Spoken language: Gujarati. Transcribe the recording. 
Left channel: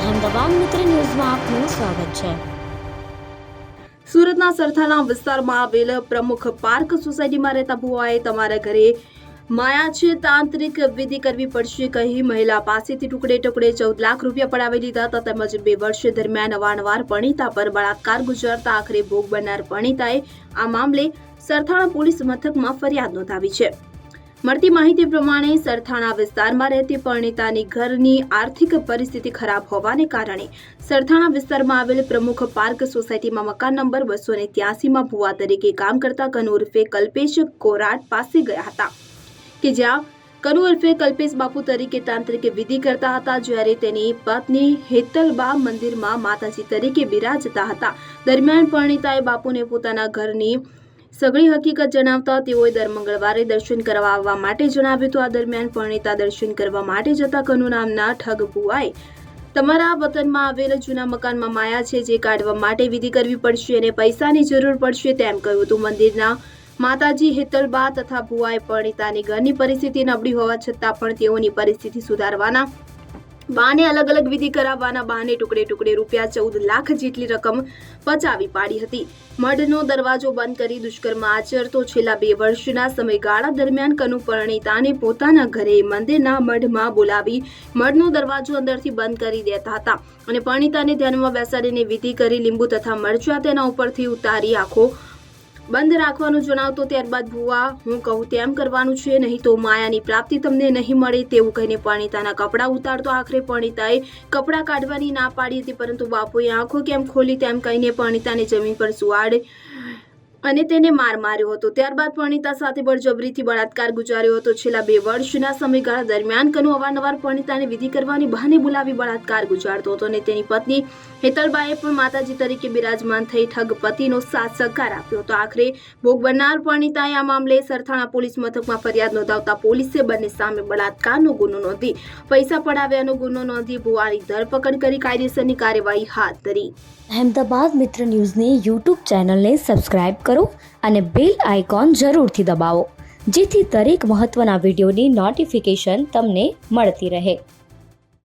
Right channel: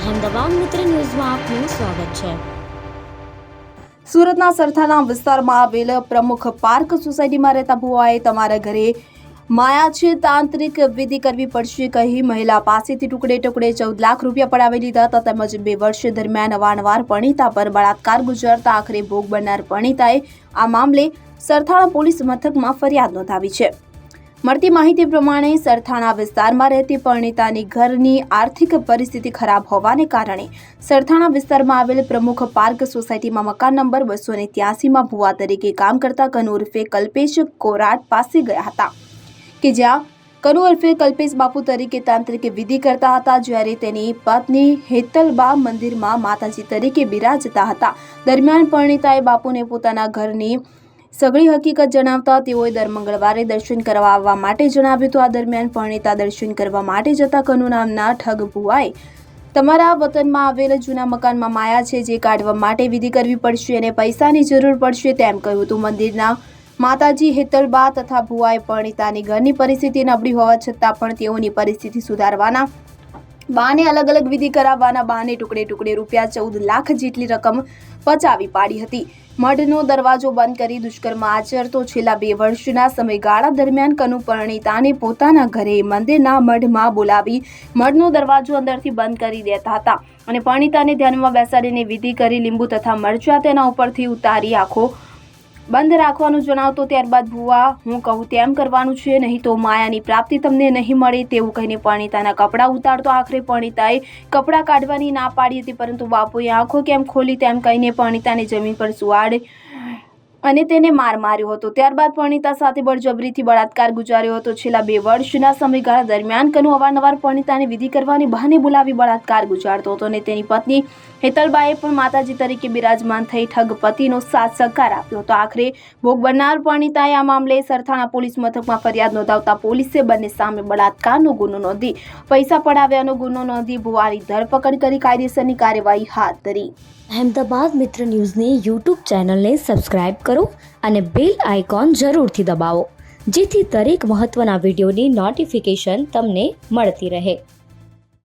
અહેમદાબાદ મિત્ર ન્યૂઝમાં આપનું સ્વાગત છે। સુરતના સરથાના વિસ્તારમાં આવેલ પ્રમુખ પાર્ક સોસાયટીમાં રહેતા ભુવાએ તમારા ઘરે માયા છે તાંત્રિક વિધિ કરવી પડશે કહી મહિલા પાસેથી ટુકડે ટુકડે 14 લાખ રૂપિયા પડાવી લીધા હતા તેમજ 2 વર્ષ દરમિયાન અવારનવાર પરણિતા પર બળાત્કાર ગુજારતા આખરે ભોગ બનનાર પરણિતાએ આ મામલે સરથાણા પોલીસ મથકમાં ફરિયાદ નોંધાવી છે। મળતી માહિતી પ્રમાણે સરથાણા વિસ્તારમાં રહેતી પરણિતાની ઘરની આર્થિક પરિસ્થિતિ ખરાબ હોવાને કારણે સરથાણા વિસ્તારમાં આવેલ પ્રમુખ પાર્ક સોસાયટીમાં મકાન નંબર 283માં ભુવા તરીકે કામ કરતા કનુ ઉર્ફે કલ્પેશ કોરાટ પાસે ગયા હતા કે જ્યાં કનુ ઉર્ફે કલ્પેશ બાપુ તરીકે તાંત્રિક વિધિ કરતા હતા જ્યારે તેની પત્ની હેતલબા મંદિરમાં માતાજી તરીકે બિરાજતા હતા। દરમિયાન પરણિતાએ બાપુને પોતાના ઘરની સગળી હકીકત જણાવતા તેઓએ દર મંગળવારે દર્શન કરવા આવવા માટે જણાવ્યું તો આ દરમિયાન પરણિતા દર્શન કરવા માટે જતા કનુ નામના ઠગ ભુવાએ તમારા વતનમાં આવેલ જૂના મકાનમાં માયા છે જે કાઢવા માટે વિધિ કરવી પડશે અને પૈસાની જરૂર પડશે તેમ કહ્યું હતું। મંદિરના માતાજી હેતલબા તથા ભુવાએ પરણિતાની ઘરની પરિસ્થિતિ નબળી હોવા છતાં પણ તેઓની પરિસ્થિતિ સુધારવાના બહાને અલગ અલગ વિધિ કરાવવાના બહાને ટુકડે ટુકડે રૂપિયા 14 લાખ જેટલી રકમ પચાવી પાડી હતી। મઢનો દરવાજો બંધ કરી દુષ્કર્મ આચરતો છેલ્લા 2 વર્ષના સમયગાળા દરમિયાન કનુ પરણિતાને પોતાના ઘરે મંદિરના મઢમાં બોલાવી મઢનો દરવાજો અંદરથી બંધ કરી દેતા હતા અને પરણિતાને ધ્યાનમાં બેસાડીને વિધિ કરી લીંબુ તથા મરચા તેના ઉપરથી ઉતારી આંખો બંધ રાખવાનું જણાવતો ત્યારબાદ ભુવા હું કહું તેમ કરવાનું છે નહીં તો માયાની પ્રાપ્તિ તમને નહીં મળે તેવું કહીને પરણિતાના કપડાં ઉતારતો આખરે પરણિતાએ કપડાં કાઢવાની ના પાડી હતી પરંતુ બાપુએ આંખો કેમ ખોલી તેમ કહીને પરણિતાને જમીન પર સુવાડે અને તેને માર માર્યો હતો। ત્યારબાદ પરણિતા સાથે બળજબરીથી બળાત્કાર ગુજાર્યો હતો। છેલ્લા 2 વર્ષના સમયગાળા દરમિયાન કનુ અવારનવાર પરણિતાને વિધિ કરવાની બહાને બોલાવી બળાત્કાર ગુજારતો હતો અને તેની પત્ની હેતલબાએ પણ માતાજી તરીકે બિરાજમાન થઈ ઠગ પતિનો સાથ સહકાર આપ્યો હતો। આખરે ભોગ બનનાર પરણિતાએ આ મામલે સરથાણા પોલીસ મથકમાં ફરિયાદ નોંધાવતા પોલીસે બંને સામે બળાત્કારનો ગુનો નોંધી પૈસા પડાવ્યાનો ગુનો નોંધી ભુવાની ધરપકડ કરી કાયદેસરની કાર્યવાહી હાથ ધરી। અહેમદાબાદ મિત્ર ન્યૂઝની યુટ્યુબ ચેનલને સબસ્ક્રાઇબ કરો અને બેલ આઇકોન જરૂરથી દબાવો જેથી દરેક મહત્વના વિડીયોની નોટિફિકેશન તમને મળતી રહે।